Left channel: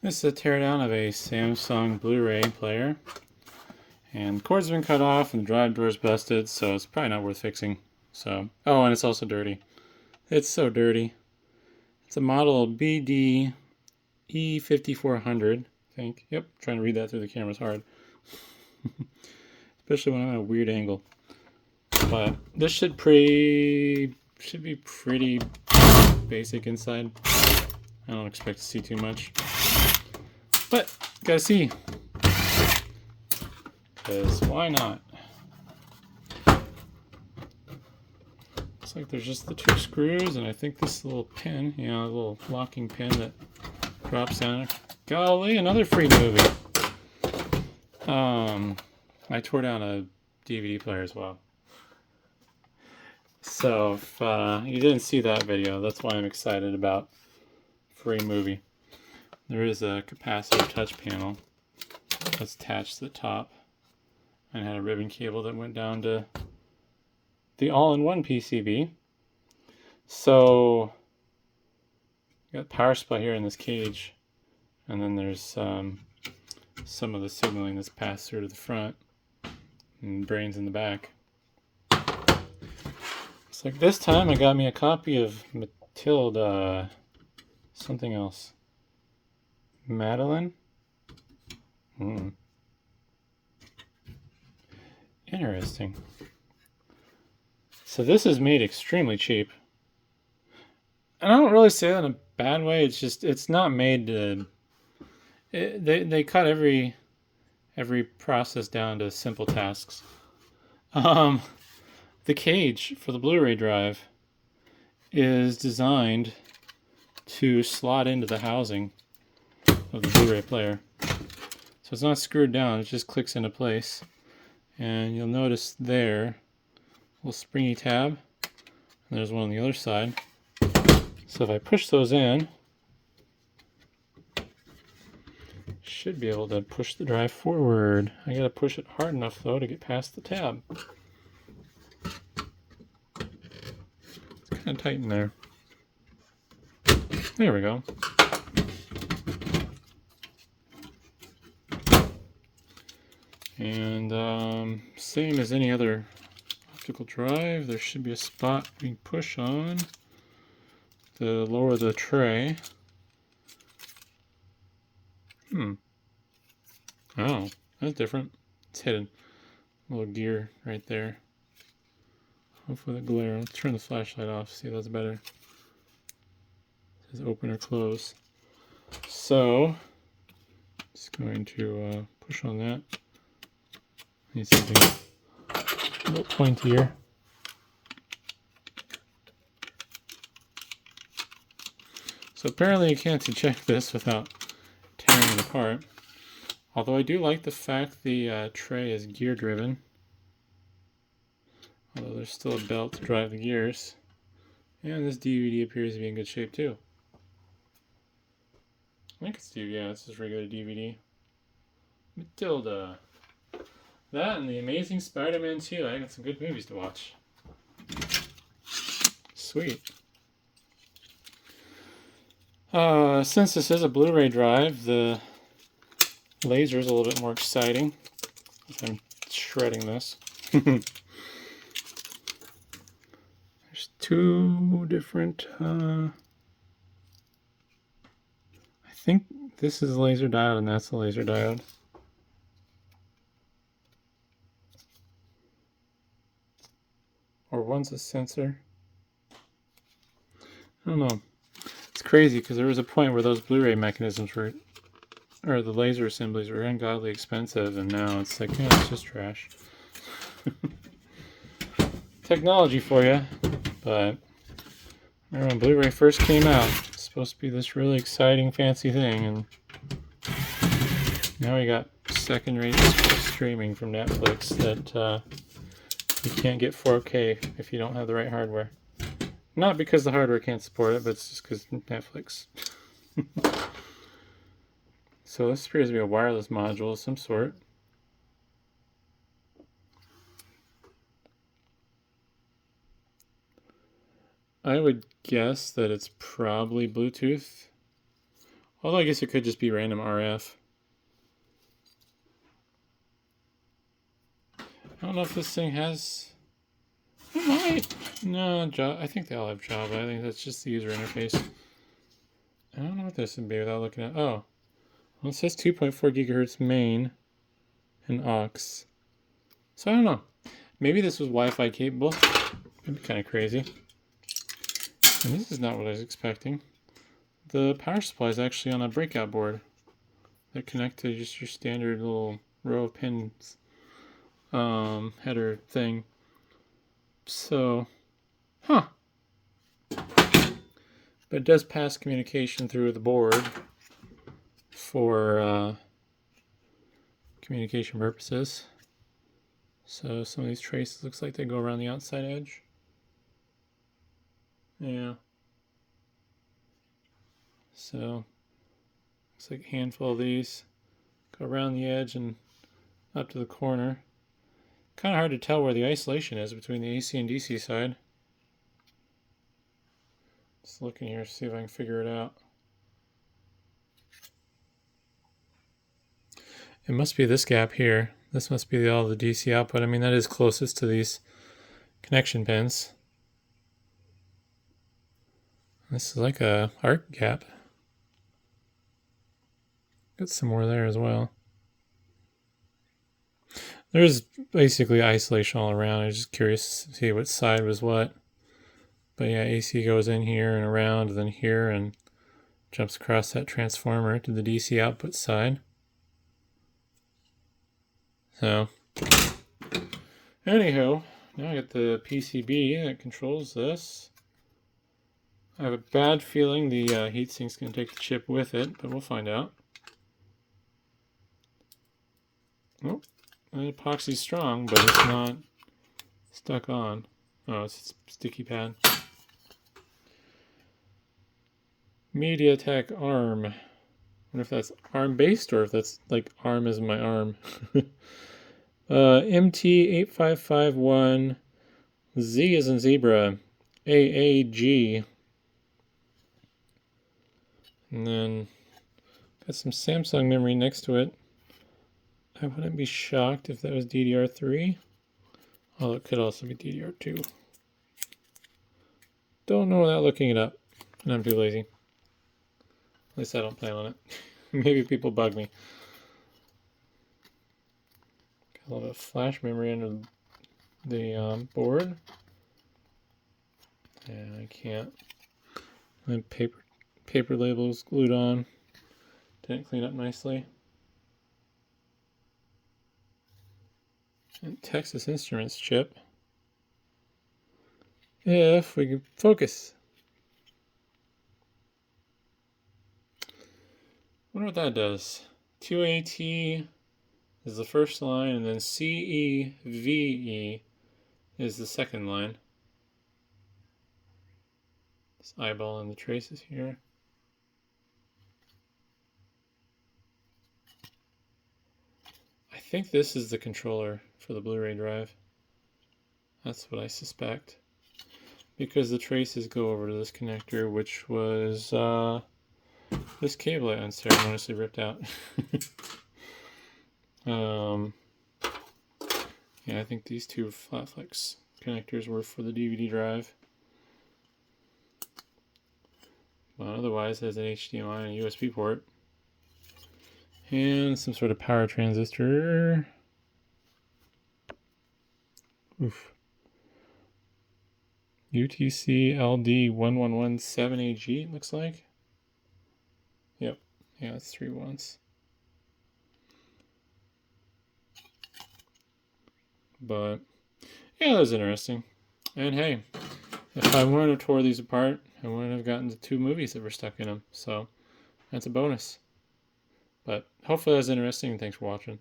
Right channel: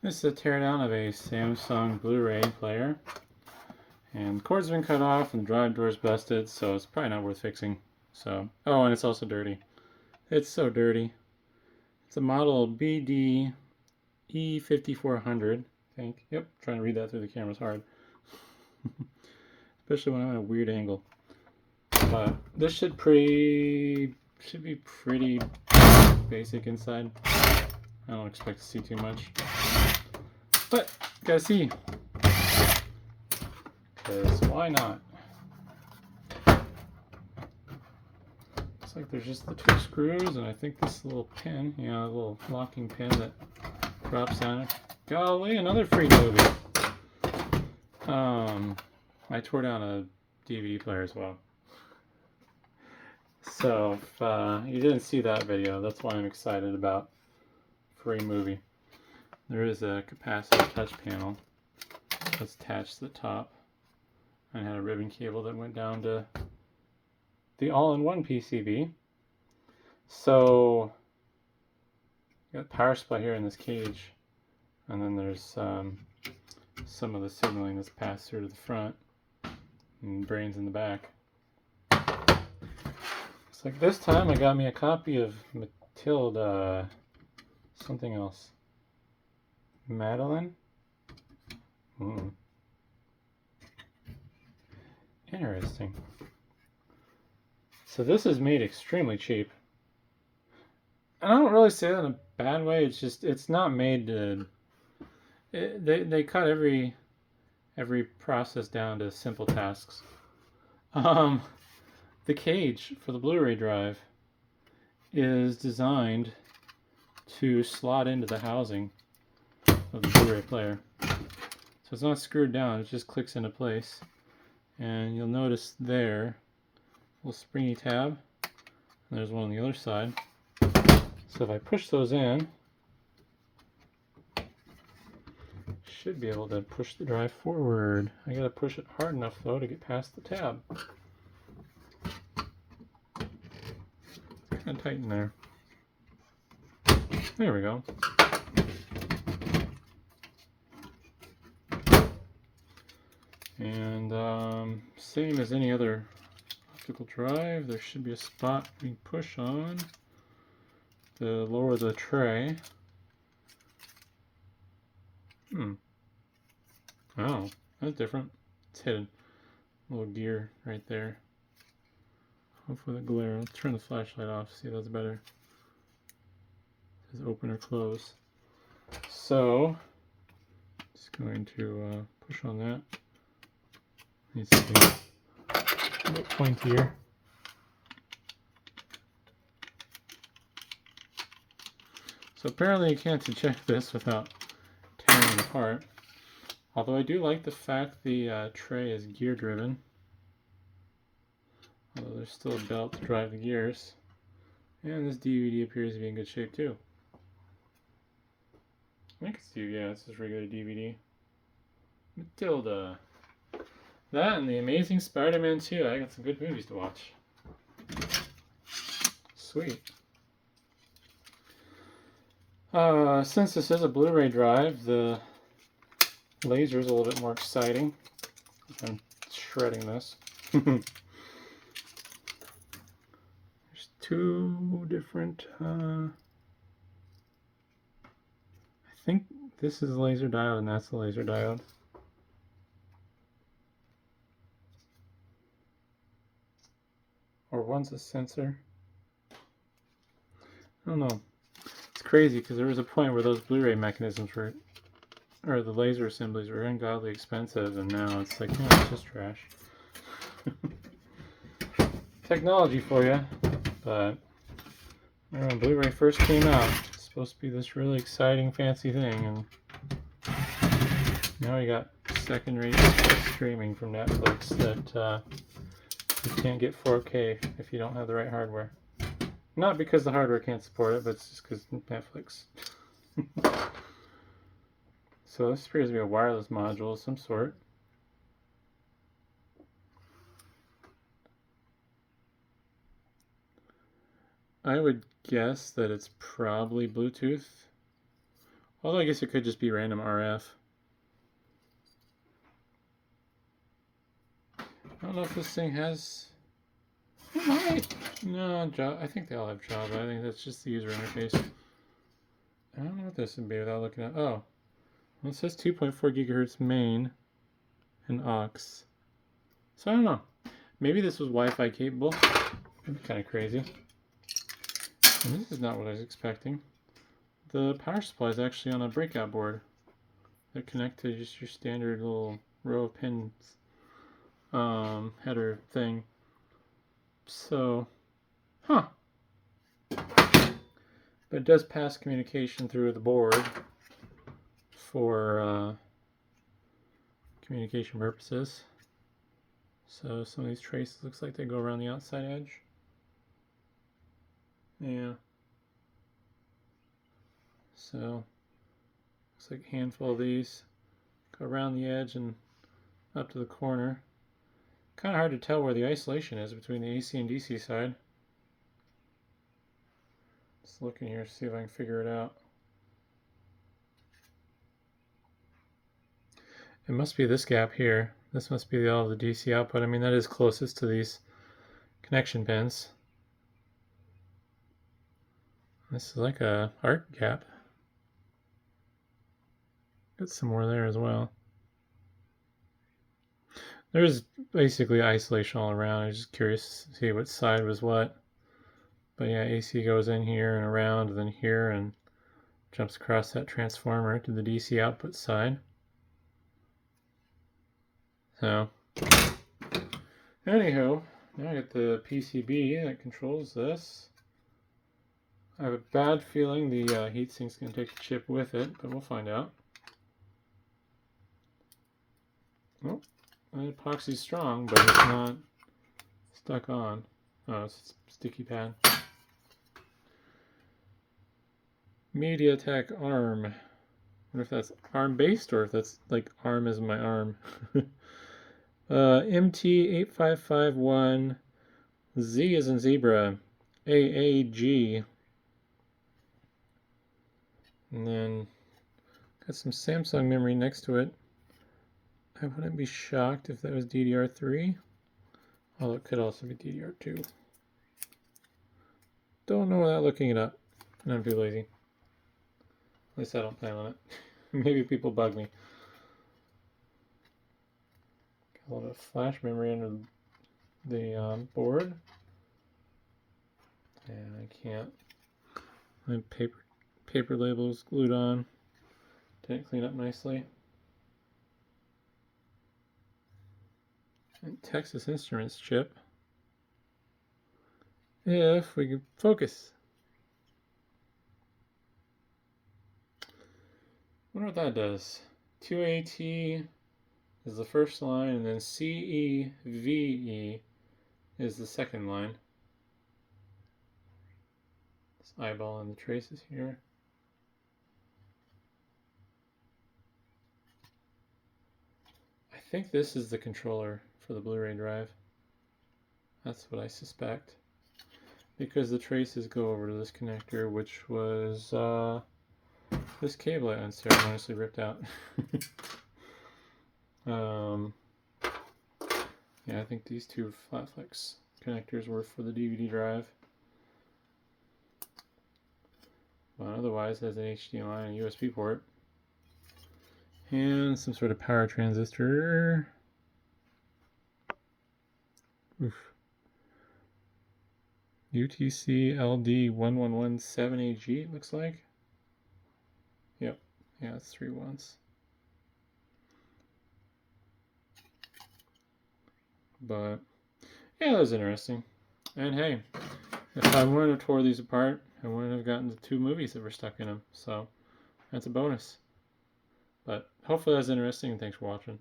This is a teardown of a Samsung Blu-ray player. And the cord's been cut off and the drive door's busted, so it's probably not worth fixing. So, oh, and it's also dirty. It's so dirty. It's a model BD-E5400, I think. Yep, trying to read that through the camera's hard. Especially when I'm at a weird angle. But this should be pretty basic inside. I don't expect to see too much. But, gotta see. Because why not? Looks like there's just the two screws, and I think this little pin, a little locking pin that drops down. Golly, another free movie. I tore down a DVD player as well. So if you didn't see that video, that's why I'm excited about free movie. There is a capacitor touch panel that's attached to the top and had a ribbon cable that went down to the all-in-one PCB. So you got power supply here in this cage, and then there's some of the signaling that's passed through to the front and brains in the back. It's like this time I got me a copy of Matilda, something else. Madeline? Interesting. So this is made extremely cheap. And I don't really say that in a bad way. It's just, it's not made to... They cut every process down to simple tasks. The cage for the Blu-ray drive is designed to slot into the housing of the Blu-ray player. So it's not screwed down, it just clicks into place. And you'll notice there, a little springy tab. And there's one on the other side. So if I push those in, should be able to push the drive forward. I gotta push it hard enough though to get past the tab. It's kind of tight in there. There we go. And same as any other optical drive, there should be a spot we can push on to lower the tray. Oh, that's different. It's hidden. A little gear right there. Hopefully the glare. Let's turn the flashlight off. See if that's better. It says open or close. So, just going to push on that. Needs something a bit pointier. So apparently you can't eject this without tearing it apart. Although I do like the fact the tray is gear driven. Although there's still a belt to drive the gears. And this DVD appears to be in good shape too. I think it's DVD, yeah, it's just regular DVD. Matilda. That and The Amazing Spider-Man 2. I got some good movies to watch. Sweet. Since this is a Blu-ray drive, the laser is a little bit more exciting. I'm shredding this. There's two different... I think this is a laser diode and that's the laser diode. Or one's a sensor. I don't know. It's crazy because there was a point where those Blu-ray mechanisms were, or the laser assemblies were ungodly expensive, and now it's like, it's just trash. Technology for you, but remember when Blu-ray first came out, it's supposed to be this really exciting, fancy thing, and now we got second-rate streaming from Netflix that you can't get 4K if you don't have the right hardware. Not because the hardware can't support it, but it's just because Netflix. So this appears to be a wireless module of some sort. I would guess that it's probably Bluetooth Although I guess it could just be random RF. I don't know if this thing has... It might. No, Java. I think they all have Java. I think that's just the user interface. I don't know what this would be without looking at... Oh. Well, it says 2.4 gigahertz main and aux. So I don't know. Maybe this was Wi-Fi capable. That'd be kind of crazy. And this is not what I was expecting. The power supply is actually on a breakout board that connect to just your standard little row of pins header thing. So, huh. But it does pass communication through the board for communication purposes. So some of these traces looks like they go around the outside edge. Yeah. So looks like a handful of these go around the edge and up to the corner. Kind of hard to tell where the isolation is between the AC and DC side. Just looking here to see if I can figure it out. It must be this gap here. This must be all the DC output. I mean, that is closest to these connection pins. This is like a arc gap. Got some more there as well. There's basically isolation all around. I was just curious to see what side was what. But yeah, AC goes in here and around, and then here, and jumps across that transformer to the DC output side. So, anywho, now I got the PCB that controls this. I have a bad feeling the heatsink's going to take the chip with it, but we'll find out. Oh, the epoxy's strong, but it's not stuck on. Oh, it's a sticky pad. MediaTek ARM. I wonder if that's ARM based or if that's like ARM is my arm. MT8551 Z as in zebra, AAG. And then got some Samsung memory next to it. I wouldn't be shocked if that was DDR3. Although it could also be DDR2. Don't know without looking it up. And I'm too lazy. At least I don't plan on it. Maybe people bug me. Got a little bit of flash memory under the board. And I can't. My paper label is glued on. Didn't clean up nicely. And Texas Instruments chip. If we can focus. Wonder what that does. 2AT is the first line, and then CEVE is the second line. This eyeball and the traces here. I think this is the controller for the Blu-ray drive. That's what I suspect. Because the traces go over to this connector, which was this cable I unceremoniously ripped out. Yeah, I think these two flat flex connectors were for the DVD drive. But otherwise, it has an HDMI and a USB port. And some sort of power transistor. Oof. UTC LD1117AG, looks like. Yep. Yeah, it's 3 ones. But, yeah, that was interesting. And hey, if I wouldn't have tore these apart, I wouldn't have gotten the 2 movies that were stuck in them. So, that's a bonus. But hopefully that was interesting, and thanks for watching.